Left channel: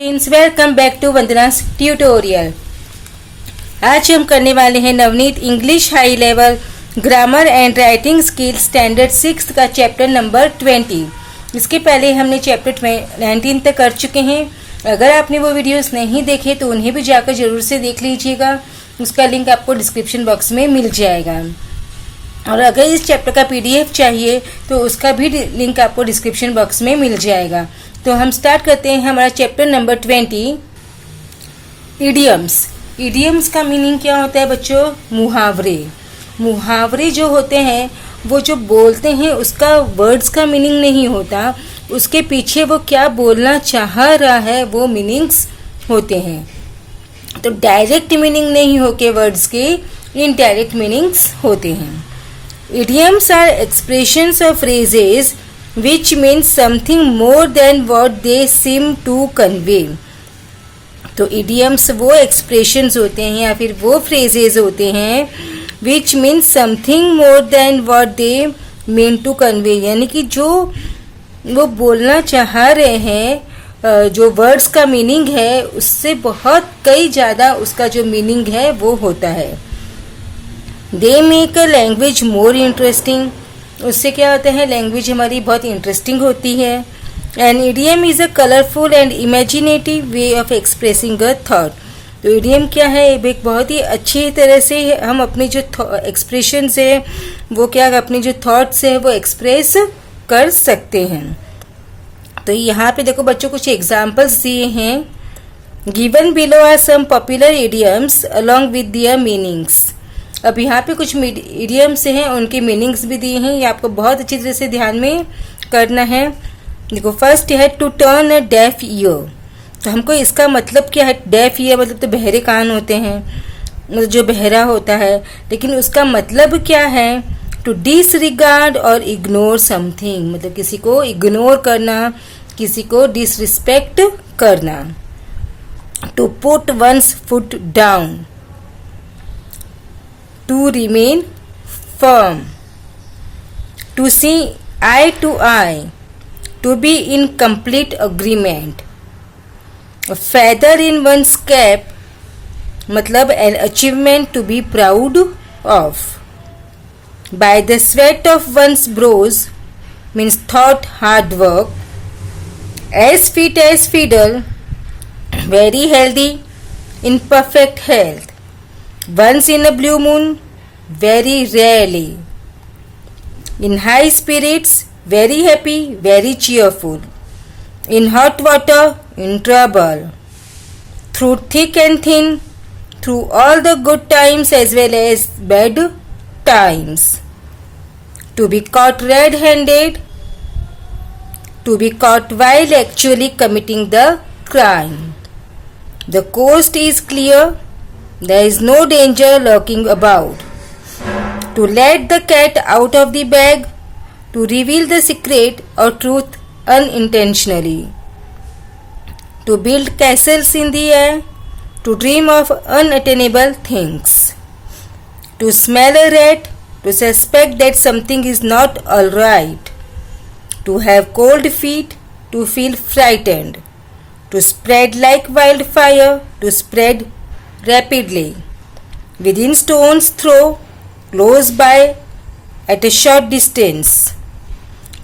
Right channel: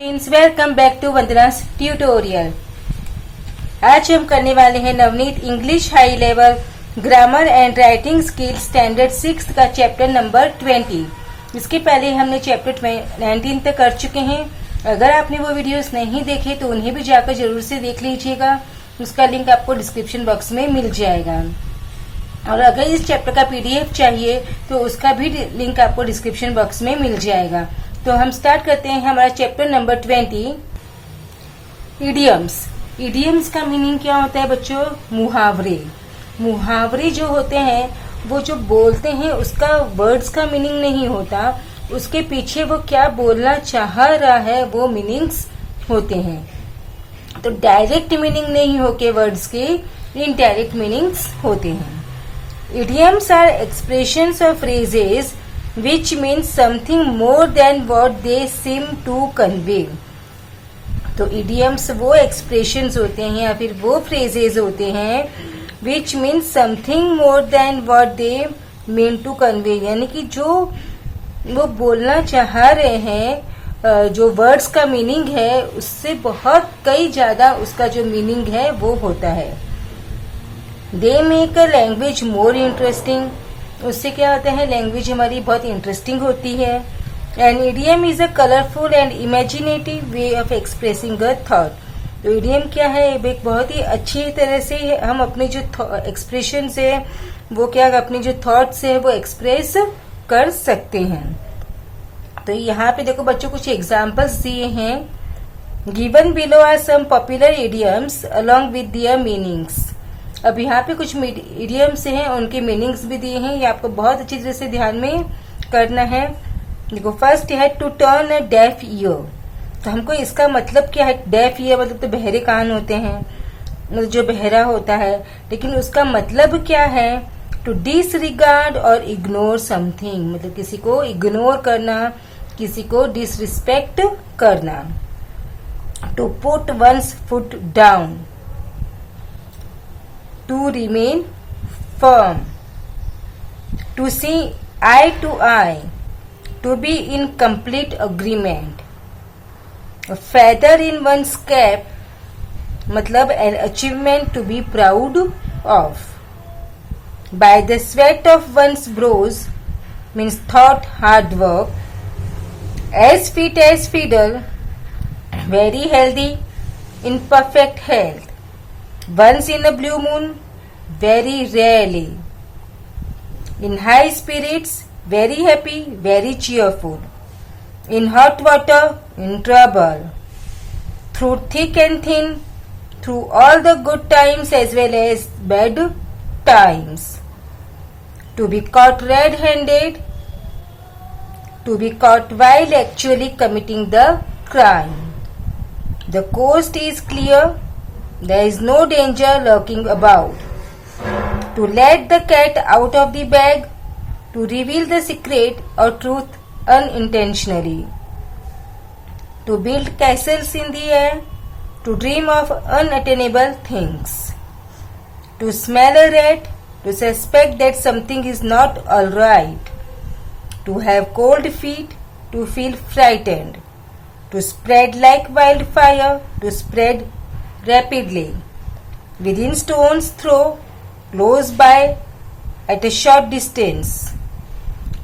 Friends, welcome back to Vandana's tutorial. आज हम करने वाले हैं Navneet English high level grammar and writing skill standard 6 का चैप्टर नंबर 20। इसके पहले हमने चैप्टर 19 तक कर चुके हैं। अगर आपने वो वीडियोस नहीं देखे तो उन्हें भी जाकर जरूर से देख लीजिएगा। उसका लिंक आपको डिस्क्रिप्शन बॉक्स में मिल जाएगा। और अगर इस चैप्टर का पीडीएफ चाहिए तो उसका भी लिंक आपको डिस्क्रिप्शन बॉक्स में मिल जाएगा। तो हम स्टार्ट करते हैं हमारा चैप्टर नंबर 20, इडियम्स। इडियम्स का मीनिंग क्या होता है बच्चों? मुहावरे। मुहावरे जो होते हैं वो जो बोलते हैं उसका वर्ड्स का मीनिंग नहीं होता, उसके पीछे वो क्या बोलना चाह रहा है वो मीनिंग्स होते हैं। तो डायरेक्ट मीनिंग नहीं होके वर्ड्स के इनडायरेक्ट मीनिंग्स होते हैं। Idioms are expressions or phrases which mean something more than what they seem to convey. तो idioms वो expressions होते हैं या फिर वो phrases होते हैं which mean something more than what they mean to convey, यानी कि जो वो बोलना चाह रहे हैं, जो वर्ड्स का मीनिंग है उससे बहुत कई ज़्यादा उसका जो मीनिंग है वो होता है। They make a language more interesting. उससे क्या होता है, लैंग्वेज हमारी बहुत इंटरेस्टिंग होती है। And idiom is a colourful and imaginative way of expressing a thought. तो इडियम क्या है, एक बहुत ही अच्छी तरह से हम अपने जो एक्सप्रेशन है वो क्या अपनी जो थॉट्स है वो एक्सप्रेस कर सकते हैं। तो यहाँ पे देखो बच्चों कुछ एग्जाम्पल्स दिए हैं। Given below are some popular idioms along with their meanings. अब यहाँ पे कुछ इडियम्स हैं, उनके मीनिंग्स भी दिए हैं, ये आपको बहुत अच्छी तरह से ध्यान में करना है। देखो फर्स्ट है to turn a deaf ear. तो हमको इसका मतलब क्या है? डेफ ईयर मतलब तो बहरे कान होते हैं, मतलब जो बहरा होता है, लेकिन उसका मतलब क्या है? टू डिसरिगार्ड और इग्नोर समथिंग, मतलब किसी को इग्नोर करना, किसी को डिसरिस्पेक्ट करना। To put one's foot down, to remain firm, to see eye to eye, to be in complete agreement. A feather in one's cap मतलब an achievement to be proud of. By the sweat of one's brows means thought hard work. As fit as fiddle, very healthy, in perfect health. Once in a blue moon, very rarely. In high spirits, very happy, very cheerful. In hot water, in trouble. Through thick and thin, through all the good times as well as bad times. To be caught red-handed, to be caught while actually committing the crime. The coast is clear. There is no danger lurking about. To let the cat out of the bag, to reveal the secret or truth unintentionally. To build castles in the air, to dream of unattainable things. To smell a rat, to suspect that something is not all right. To have cold feet, to feel frightened. To spread like wildfire, to spread rapidly, within stone's throw, close by, at a short distance.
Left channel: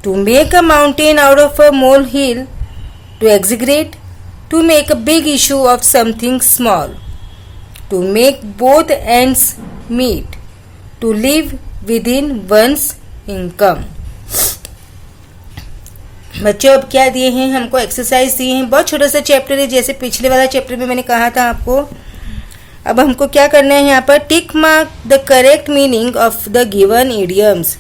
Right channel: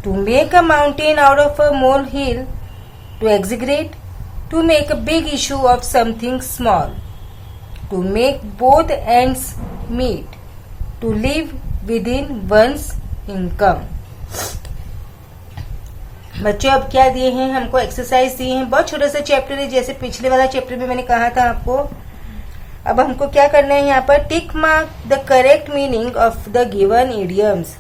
To make a mountain out of a molehill, to exaggerate, to make a big issue of something small. To make both ends meet, to live within one's income. बच्चों अब क्या दिए हैं हमको? Exercise दिए हैं। बहुत छोटा सा चैप्टर है, जैसे पिछले वाला चैप्टर में मैंने कहा था आपको। अब हमको क्या करना है यहाँ पर? Tick mark the correct meaning of the given idioms.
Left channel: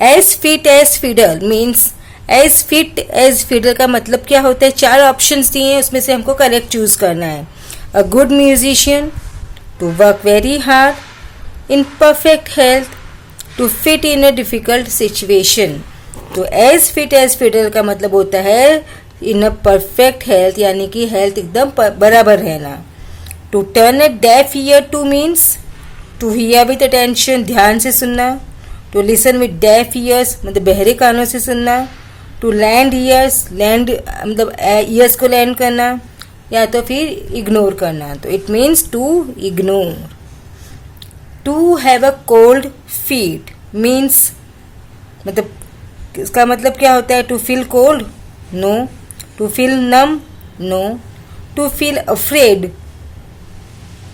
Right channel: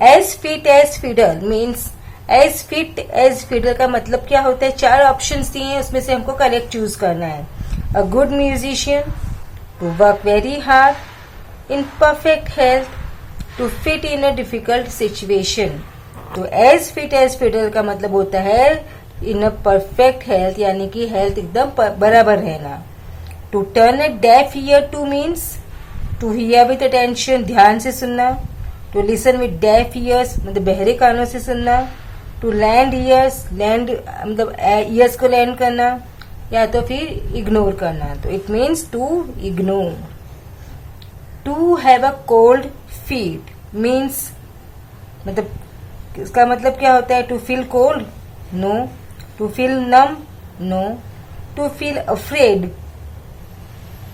As fit as fiddle means as fit as fiddle का मतलब क्या होता है? 4 ऑप्शंस दिए हैं, उसमें से हमको करेक्ट चूज करना है। A good musician, to work very hard, in perfect health, to fit in a difficult situation. तो एज फिट एज फिडल का मतलब होता है इन अ परफेक्ट हेल्थ, यानी कि हेल्थ एकदम बराबर रहना। To turn a deaf ear to means to hear with attention, ध्यान से सुनना। To listen with deaf ears मतलब बहरे कानों से सुनना। टू लैंड ईयर्स, लैंड मतलब ईयर्स को लैंड करना, या तो फिर इग्नोर करना, तो it means to ignore. To have a cold feet means, मतलब इसका मतलब क्या होता है? To feel cold, no. To feel numb, no. To feel afraid,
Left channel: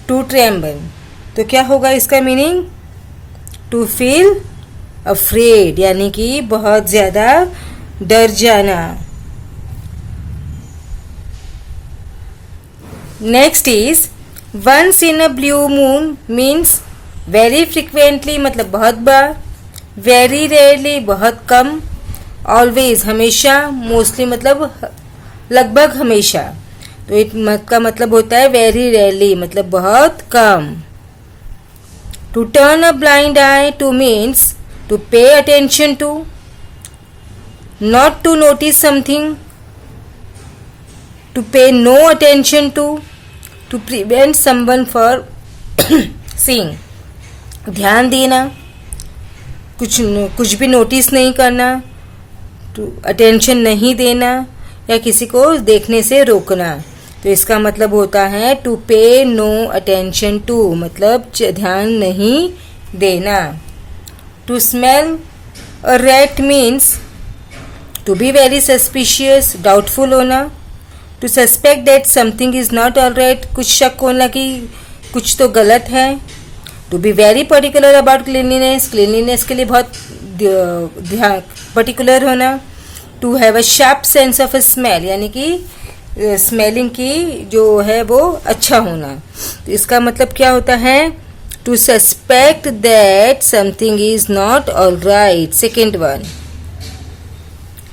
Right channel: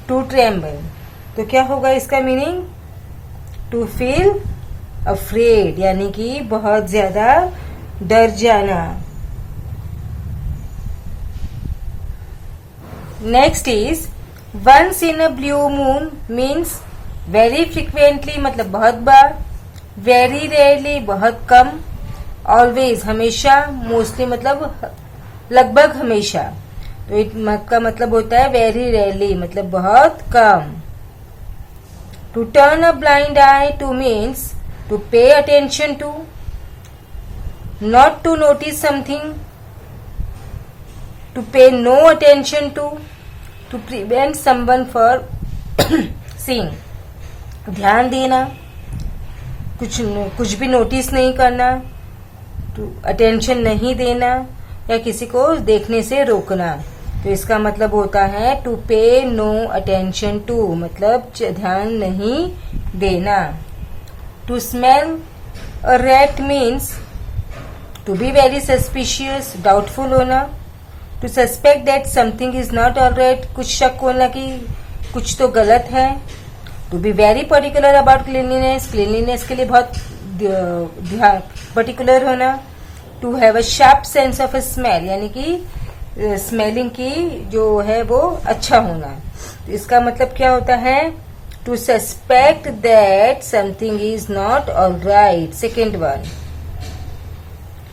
to tremble, तो क्या होगा इसका मीनिंग? टू फील अफ्रेड यानी कि बहुत ज्यादा डर जाना. Next is once in a blue moon means very frequently मतलब बहुत बार, वेरी रेयरली बहुत कम, ऑलवेज हमेशा, मोस्टली मतलब लगभग हमेशा. तो इसका मतलब होता है वेरी रेयरली मतलब बहुत कम. To turn a blind eye to means to pay attention to, not to notice something, to pay no attention to, to prevent someone for seeing, ध्यान देना, कुछ भी नोटिस नहीं करना, टू अटेंशन नहीं देना, या किसी को देखने से रोकना. तो इसका मतलब होता है to pay no attention to मतलब ध्यान नहीं देना. To smell a rat means to be very suspicious, doubtful होना. To suspect that something is not alright, कुछ शक होना कि कुछ तो गलत है. To be very particular about cleanliness, cleanliness के लिए बहुत ध्यान पर्टिकुलर होना. To have a sharp sense of smell यानी कि स्मेलिंग की जो है वो अच्छा होना. तो इसका मतलब क्या होता है? To suspect that something is not all right, second one.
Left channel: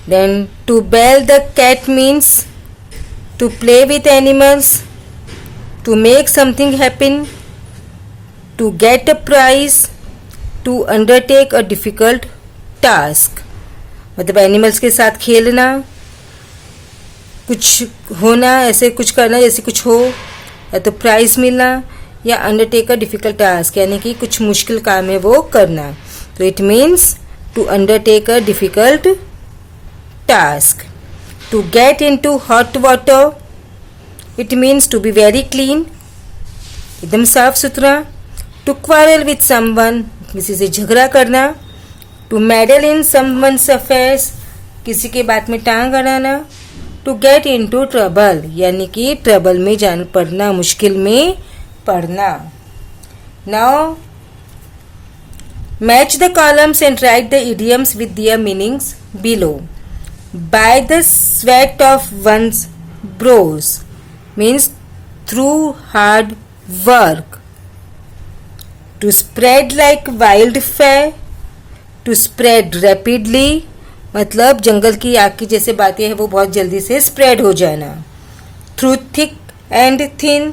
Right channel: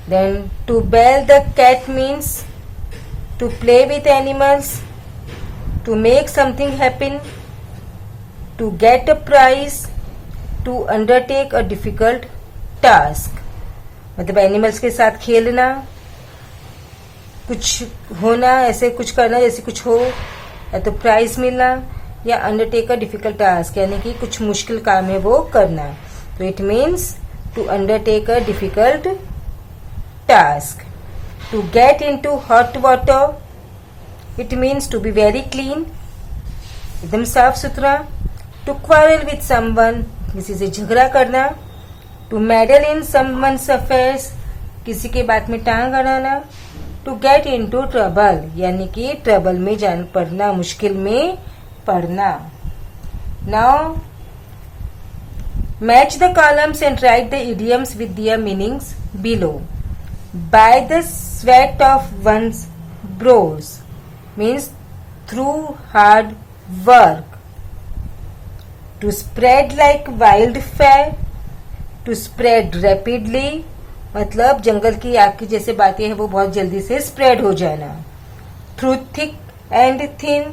Then to bell the cat means to play with animals, to make something happen, to get a prize, to undertake a difficult task मतलब animals के साथ खेलना, कुछ होना, ऐसे कुछ करना जैसे कुछ हो, या तो प्राइज मिलना, या अंडरटेक अ डिफिकल्ट टास्क यानी कि कुछ मुश्किल काम है वो करना. तो it means to undertake a difficult task. To get into hot water it means to be very clean, एकदम साफ सुथरा. टू क्वारल विथ समवन किसी से झगड़ा करना. To meddle in someone's affairs किसी के बात में टांग अड़ाना. टू गेट इनटू ट्रबल यानी कि ट्रबल में जान पड़ना, मुश्किल में पड़ना. Now match the columns and write the idioms with their meanings below. By the sweat of one's brows means through hard work. To spread like wild fire, to spread rapidly मतलब जंगल की आग की जैसे बातें हैं वो बहुत जल्दी से स्प्रेड हो जाना. Through thick and thin,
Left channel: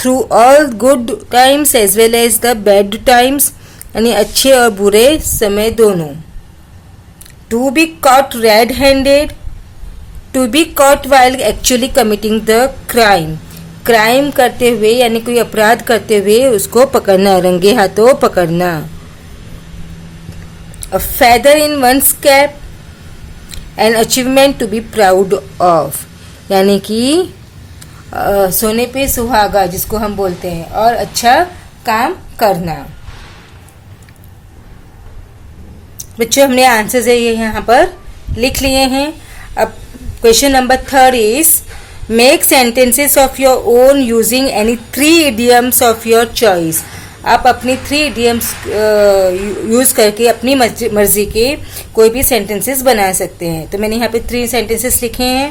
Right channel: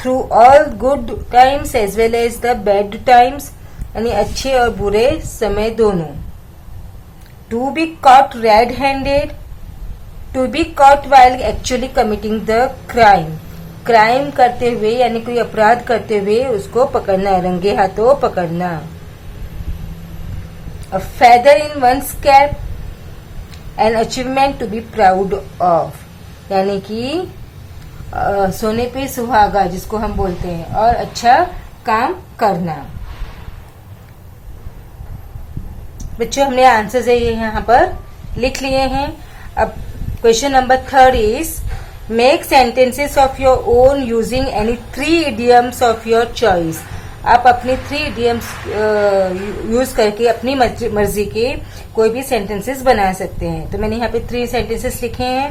through all good times as well as the bad times यानी अच्छे और बुरे समय दोनों. To be caught red handed, to be caught while actually committing the crime, crime करते हुए यानी कोई अपराध करते हुए उसको पकड़ना, रंगे हाथों पकड़ना. A feather in one's cap, an achievement to be proud of यानी कि सोने पे सुहागा जिसको हम बोलते हैं, और अच्छा काम करना. बच्चों हमने आंसर्स ये यहाँ पर लिख लिए हैं. अब question number 3 is make sentences of your own using any 3 idioms of your choice. आप अपनी 3 इडियम्स यूज करके अपनी मर्जी के कोई भी सेंटेंसेस बना सकते हैं. तो मैंने यहाँ पे 3 सेंटेंसेस लिखे हैं.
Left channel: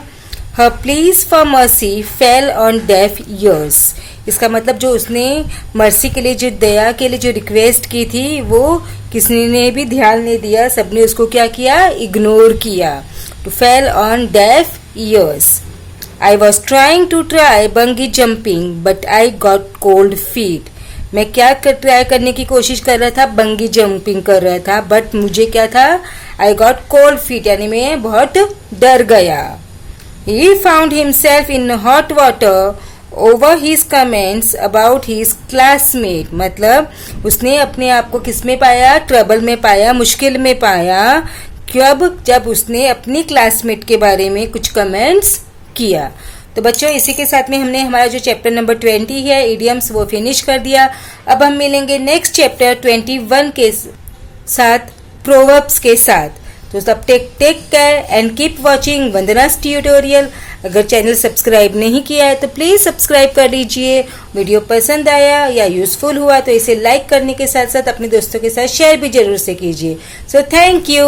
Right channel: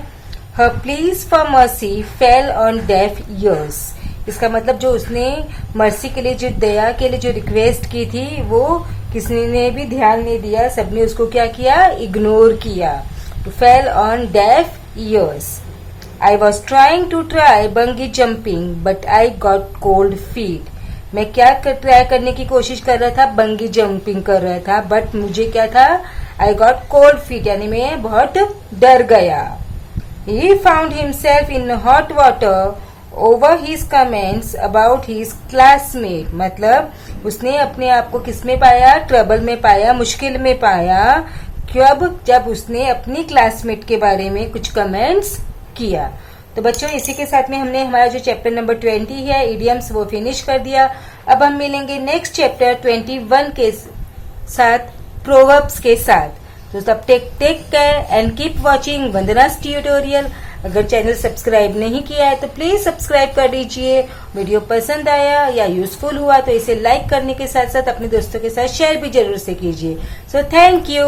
Her please for mercy fail on deaf years. इसका मतलब जो उसने मर्सी के लिए, जो दया के लिए जो रिक्वेस्ट की थी वो किसी ने भी ध्यान नहीं दिया, सबने उसको क्या किया? इग्नोर किया. To fall on deaf ears. I was trying to try bungee jumping but I got cold feet. मैं क्या ट्राई करने की कोशिश कर रहा था? बंगी जंपिंग कर रहा था, बट मुझे क्या था? आई गॉट कोल्ड फीट यानी मैं बहुत डर गया. He found himself in hot water over his comments about his classmate. मतलब उसने अपने आप को किस में पाया? ट्रबल में पाया, मुश्किल में पाया, कब? जब उसने अपनी क्लासमेट के बारे में कुछ कमेंट्स किया। तो बच्चों इसी के साथ में हमने हमारा जो चैप्टर नंबर 20 है इडियम्स वो फिनिश कर दिया। अब हम मिलेंगे नेक्स्ट चैप्टर 21 के साथ, प्रोवर्ब्स के साथ। तो तब take care and keep watching Vandana's tutorial. अगर चैनल सब्सक्राइब नहीं किया है तो प्लीज़ सब्सक्राइब कर लीजिए। वीडियो पसंद आया या यूज़फुल हुआ तो इसे लाइक करने के साथ साथ अपने दोस्तों के साथ शेयर भी जरूर से कीजिए। So thank you.